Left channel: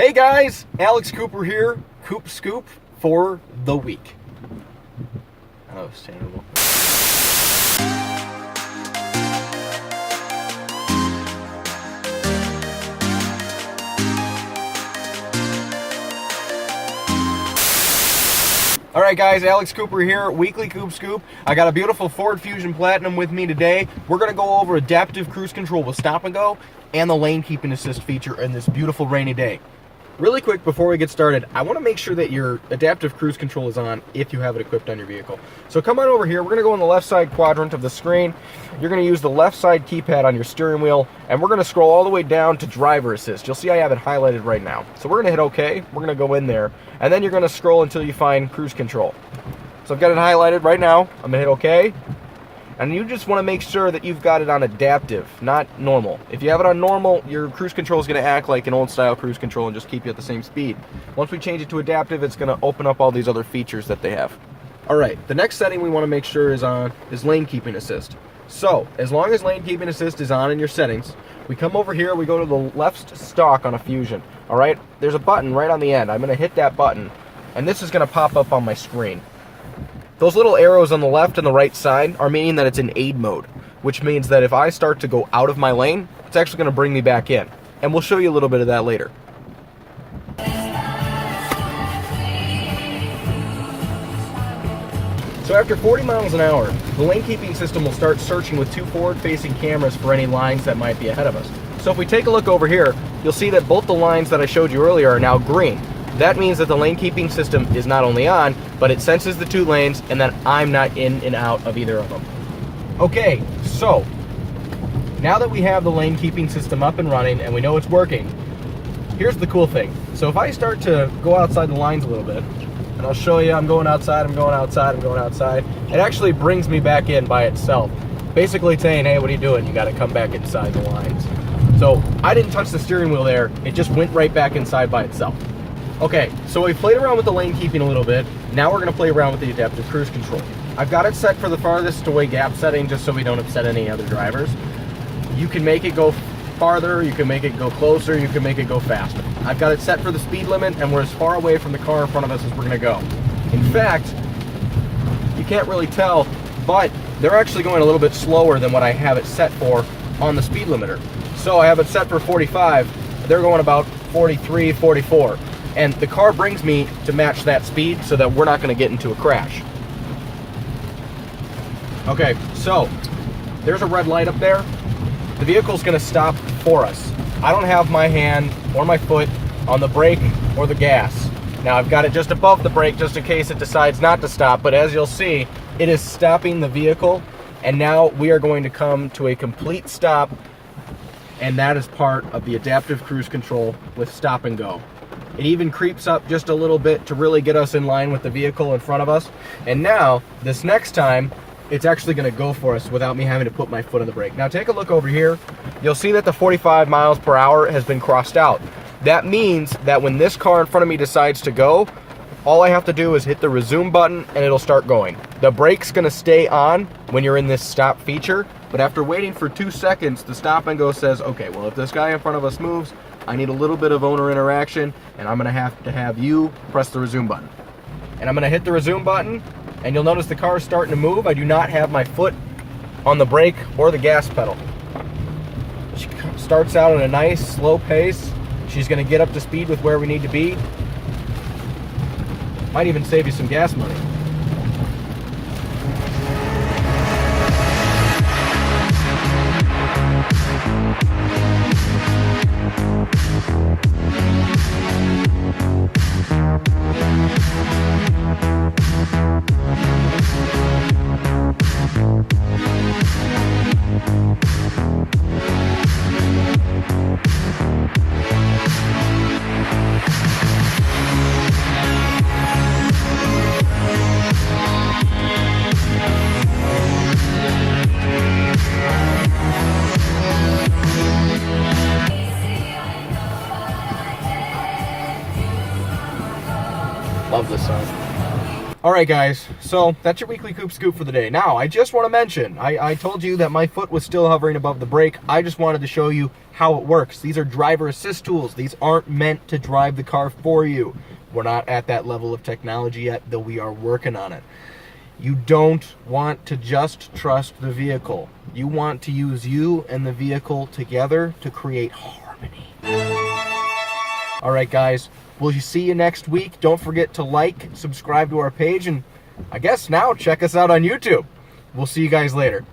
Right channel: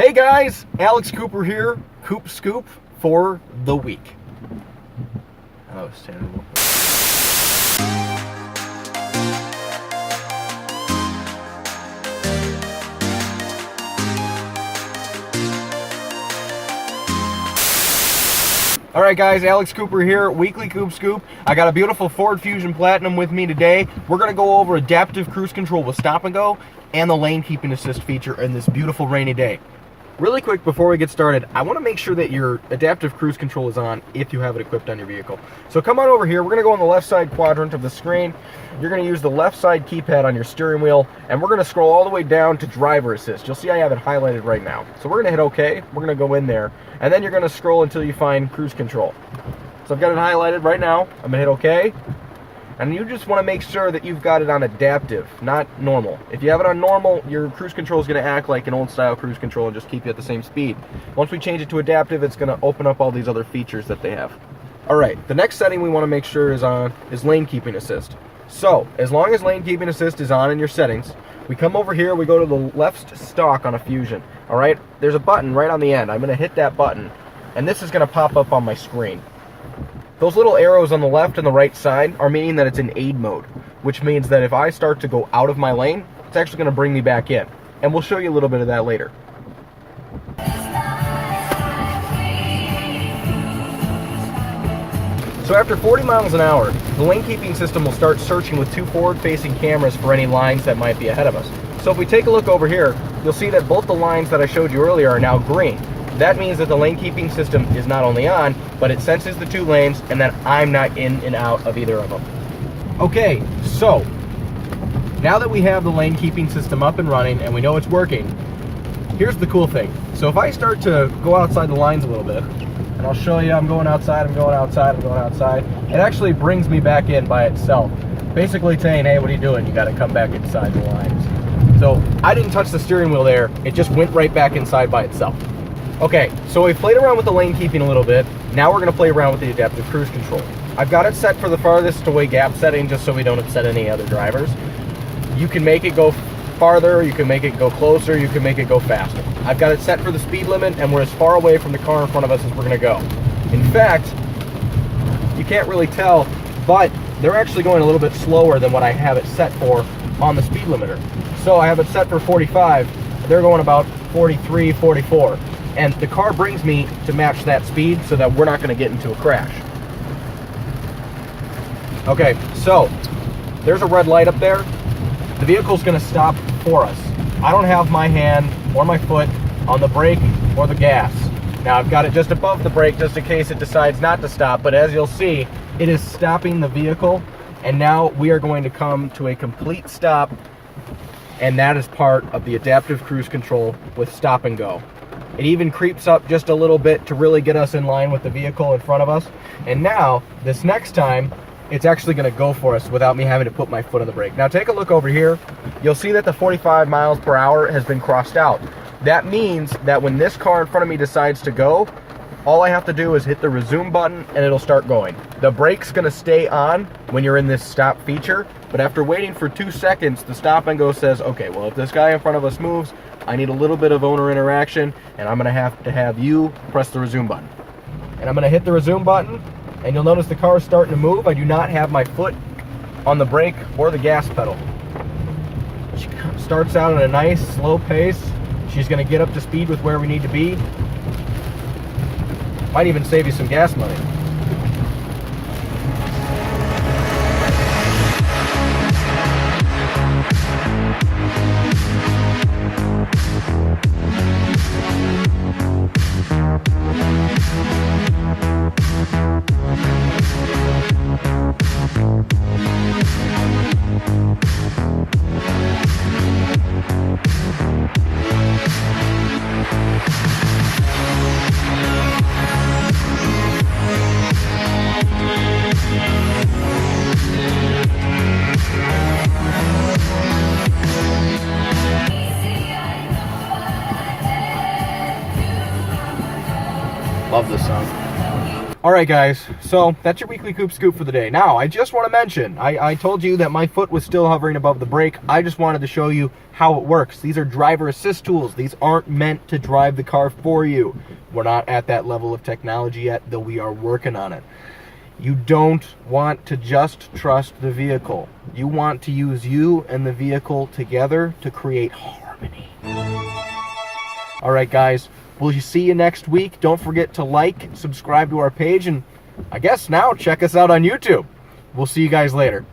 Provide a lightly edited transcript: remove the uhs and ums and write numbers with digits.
Hey guys, Alex Cooper here, Coop Scoop for the week. That was terrible. Alright guys, Alex Cooper here, weekly Coop Scoop. I got a beautiful Ford Fusion Platinum with me today. We're going to go over adaptive cruise control with stop and go and the lane keeping assist feature in this beautiful rainy day. Really quick before we get started, I want to make sure that your adaptive cruise control is on if you have it equipped on your vehicle. So come on over here, we're going to go on the left side quadrant of the screen. You're going to use the left side keypad on your steering wheel, and we're going to scroll all the way down to driver assist. You'll see I have it highlighted right now. So we're going to hit OK, we're going to go in there, and then you're going to scroll until you find cruise control. So I've got it highlighted right now, I'm going to hit OK. And you just want to make sure that you've got it on adaptive, not normal. If you have it on normal, your cruise control is going to act like an old style cruise control and just keep you at the same speed. Once we change it to adaptive, it's going to open up all these other features that they have. Alright, the next setting we want to make sure is on is lane keeping assist. So, as long as lane keeping assist is on in your settings, we come over here, we go to the left stalk on a Fusion. Alright, there's a button right on the end. I'm going to hit that button, and this is going to pop up on my screen. Those little arrows on the left and the right side are meaning that it's in aid mode, which means that if I start to go out of my lane, it's actually going to bring me back in. And we'll show you a little bit of that later. So after 40 miles an hour, the lane keeping system will start searching with two forward-facing cameras for any lines that might be ahead of us. So if we take a look over here, you'll see that both the lines that I showed you earlier are now green. That means that the lane keeping system is not only on, but it senses the two lanes and that I'm not in and out of either of them. Okay, so now that we have the lane keeping system up and running and we know it's working, here's the cool thing. So if I start to go outside the lines a little bit, and I'll show you I'm going outside, I'm going outside, I'm going outside, it actually brings me back in by itself. Basically saying, hey, what are you doing? You got to come back inside the lines. So I didn't touch the steering wheel there, it just went right back inside by itself. Okay, so we've played around with the lane keeping a little bit. Now we're going to play around with the adaptive cruise control. I've got it set for the farthest away gap setting just so we don't upset any other drivers. You can make it go farther, you can make it go closer, you can make it go faster. I've got it set for the speed limit and we're as far away from the car in front of us as we're going to go. In fact, you can't really tell, but they're actually going a little bit slower than what I have it set for on the speed limiter. So I have it set for 45, they're going about 43, 44. And the car brings me to match that speed so that we're not going to get into a crash. Okay, so there's a red light up there. The vehicle's going to stop for us. I don't have my hand or my foot on the brake or the gas. Now I've got it just above the brake just in case it decides not to stop, but as you'll see, it is stopping the vehicle, and now we are going to come to a complete stop, and that is part of the adaptive cruise control with stop and go. It even creeps up just a little bit to really get us in line with the vehicle in front of us. And now, this next time, it's actually going to go for us without me having to put my foot on the brake. Now take a look over here. You'll see that the 45 miles per hour has been crossed out. That means that when this car in front of me decides to go, all I have to do is hit the resume button and it'll start going. The brake's going to stay on when you're in this stop feature, but after waiting for 2 seconds, the stop and go says, okay, well, if this guy in front of us moves, I need a little bit of owner interaction, and I'm going to have you press the resume button. And I'm going to hit the resume button, and you'll notice the car is starting to move. I do not have my foot on the brake or the gas pedal. She starts out at a nice, slow pace. She's going to get up to speed with where we need to be. Might even save you some gas money. Love this song. All right, guys, so that's your weekly Coop Scoop for the day. Now, I just want to mention, I told you that my foot was still hovering above the brake. I just wanted to show you how it works. These are driver assist tools. These aren't meant to drive the car for you. We're not at that level of technology yet, though we are working on it. You don't want to just trust the vehicle. You want to use you and the vehicle together to create harmony. All right, guys. We'll see you next week. Don't forget to like, subscribe to our page, and I guess now check us out on YouTube. We'll see you guys later.